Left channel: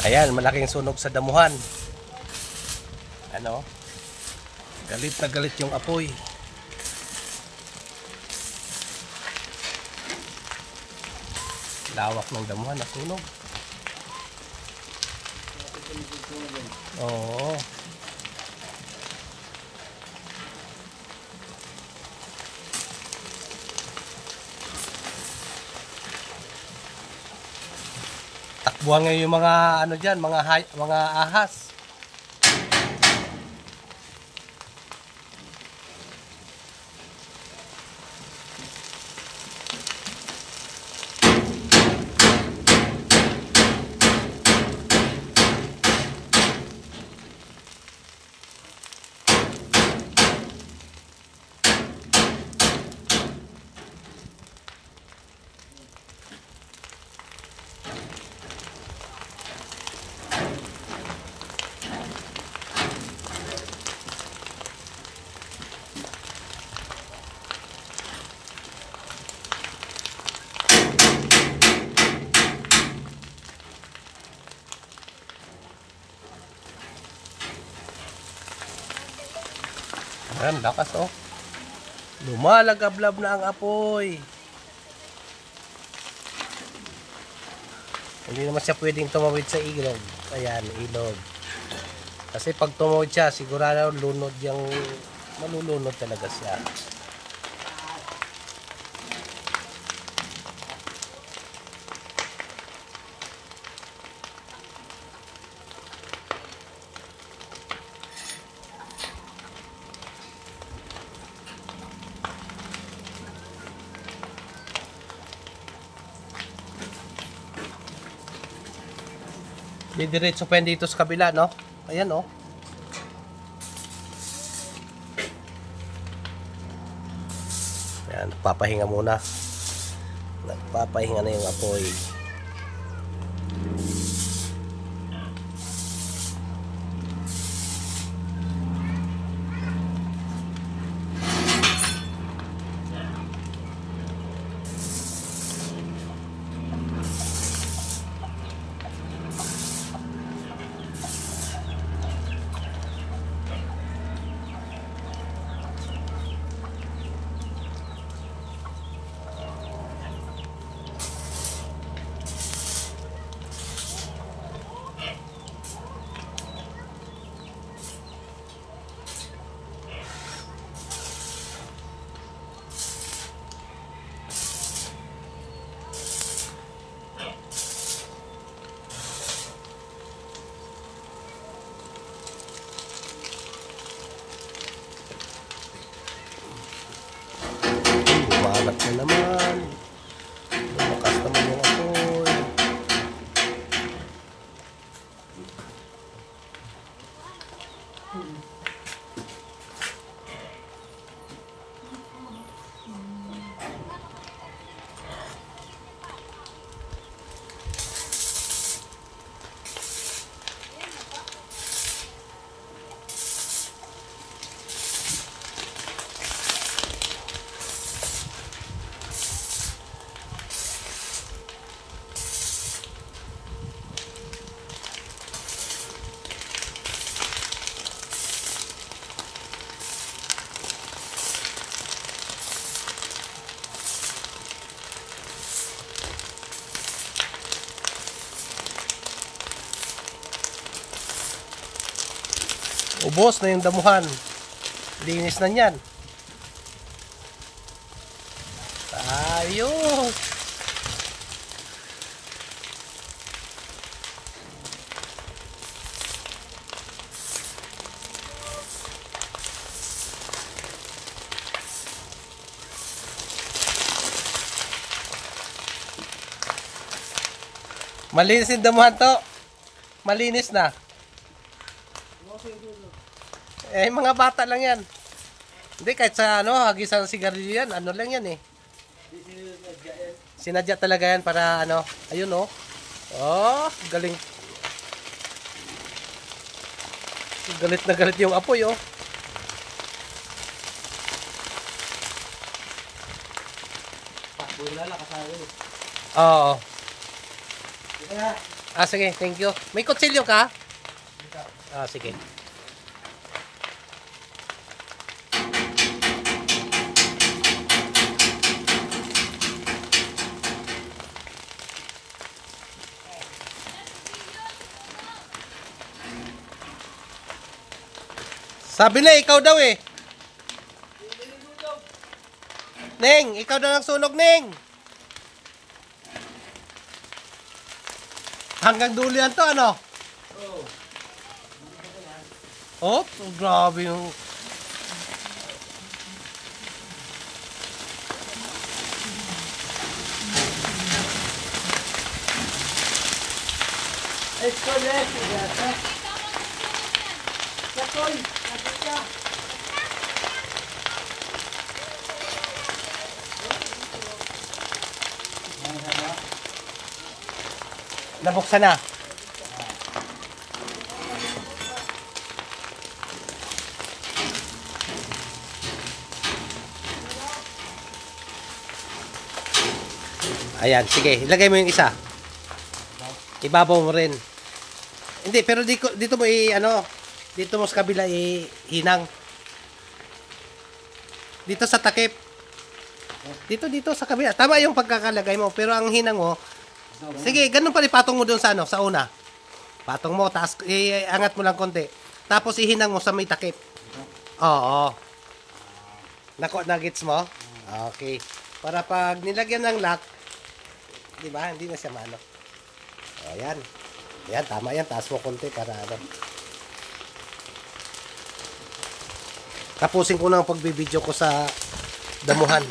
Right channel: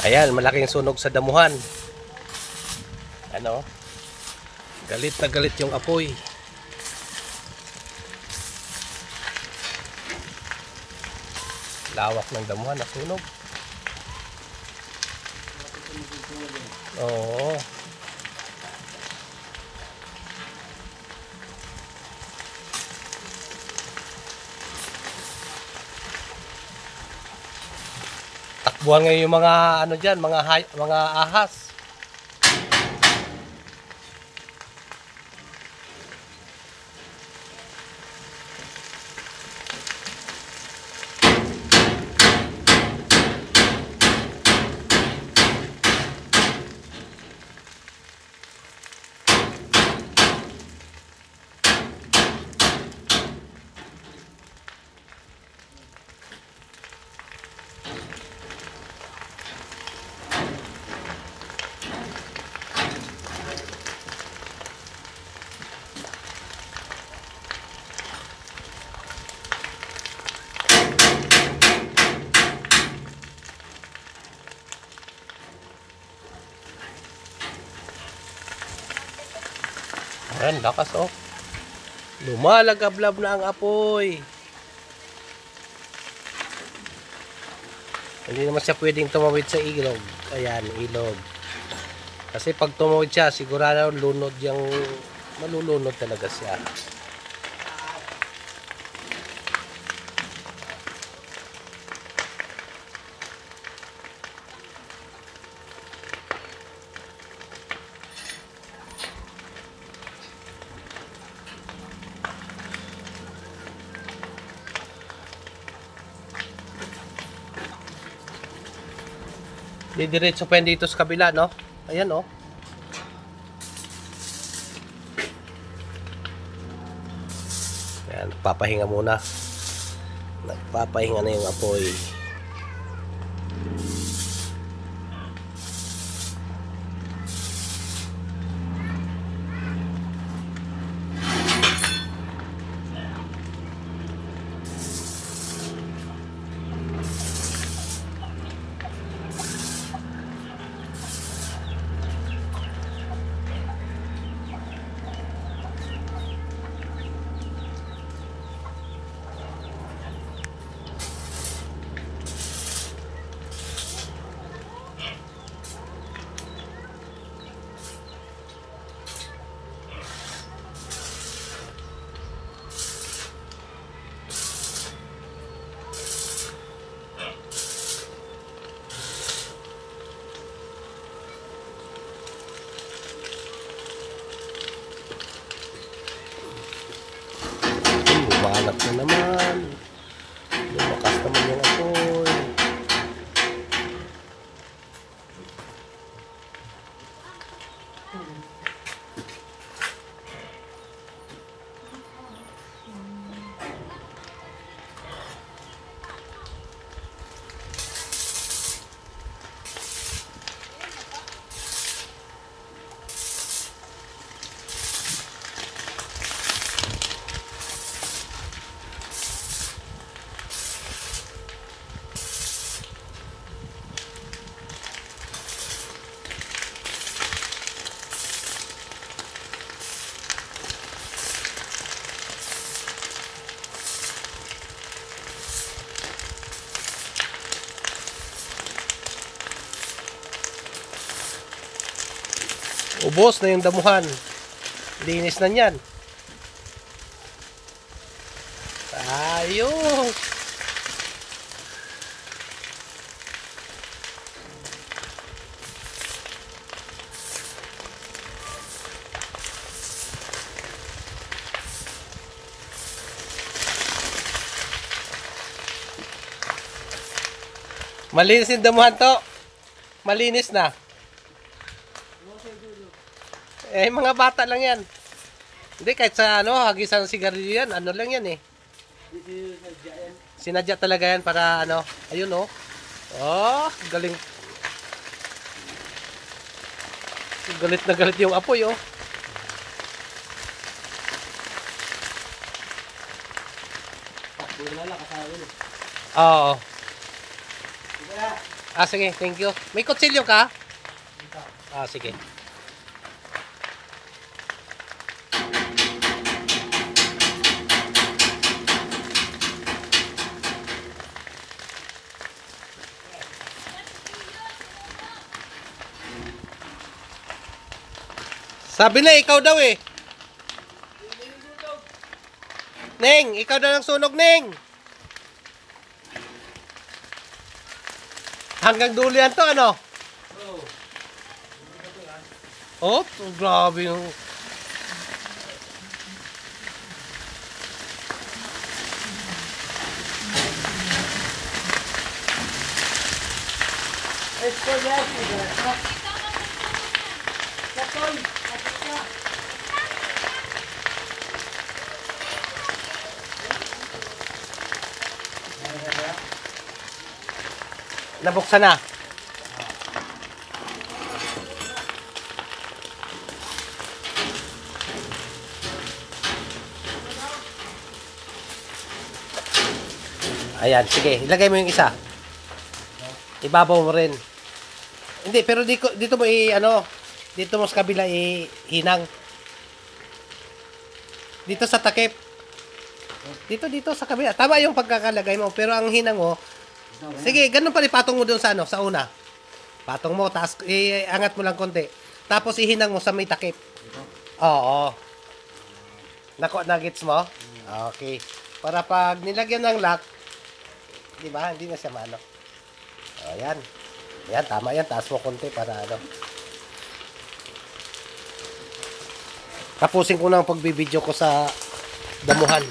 Ayan, malaking sunog sa damuhan. Ano? Galit na galit yung apoy. Lawak ng damuhan na sunog. Oo. Takbuhan ngayon yung mga ano diyan, mga ahas. Ayan, lakas oh. Lumalagablab na ang apoy. Hindi naman siya pwedeng tumawid sa ilog. Ayan, ilog. Kasi pag tumawid siya, sigurado lunod yung malulunod talaga siya. Didiretso pa yan dito sa kabila, no? Ayan, oh. Ayan, nagpapahinga muna. Nagpapahinga na yung apoy. Bumalat na naman. Lumakas naman yung apoy. Ubos na yung damuhan. Linis na yan. Ayos. Malinis yung damuhan to. Malinis na. Eh, mga bata lang yan. Hindi, kahit sa ano, hagisan ng sigarilyo yan, ano lang yan eh. Sinadya talaga yan para ano, ayun oh. Oh, galing. Galit na galit yung apoy oh. Oo. Ah, sige, thank you. May kutsilyo ka? Ah, sige. Sabi na, ikaw daw eh. Neng, ikaw daw ang sunog, Neng. Hanggang dulo yan to, ano? Oh, grabe yung... Nabuksan na. Ayan, sige. Ilagay mo yung isa. Ibabaw mo rin. Hindi, pero dito mo dito mo sa kabila hinang. Dito sa takip. Dito sa kabila. Tama yung pagkakalagay mo, pero ang hinang mo, sige, ganun pa rin patong mo doon sa sa una. Patong mo, taas, iangat mo lang konti. Tapos ihinang mo sa may takip. Oo. Nagets mo? Okay. Para pag nilagyan ng lock, di ba? Hindi na siya maano. Ayan. Ayan, tama yan. Taas mo konti para ano. Tapusin ko na ang pagbibideo ko sa damuhan.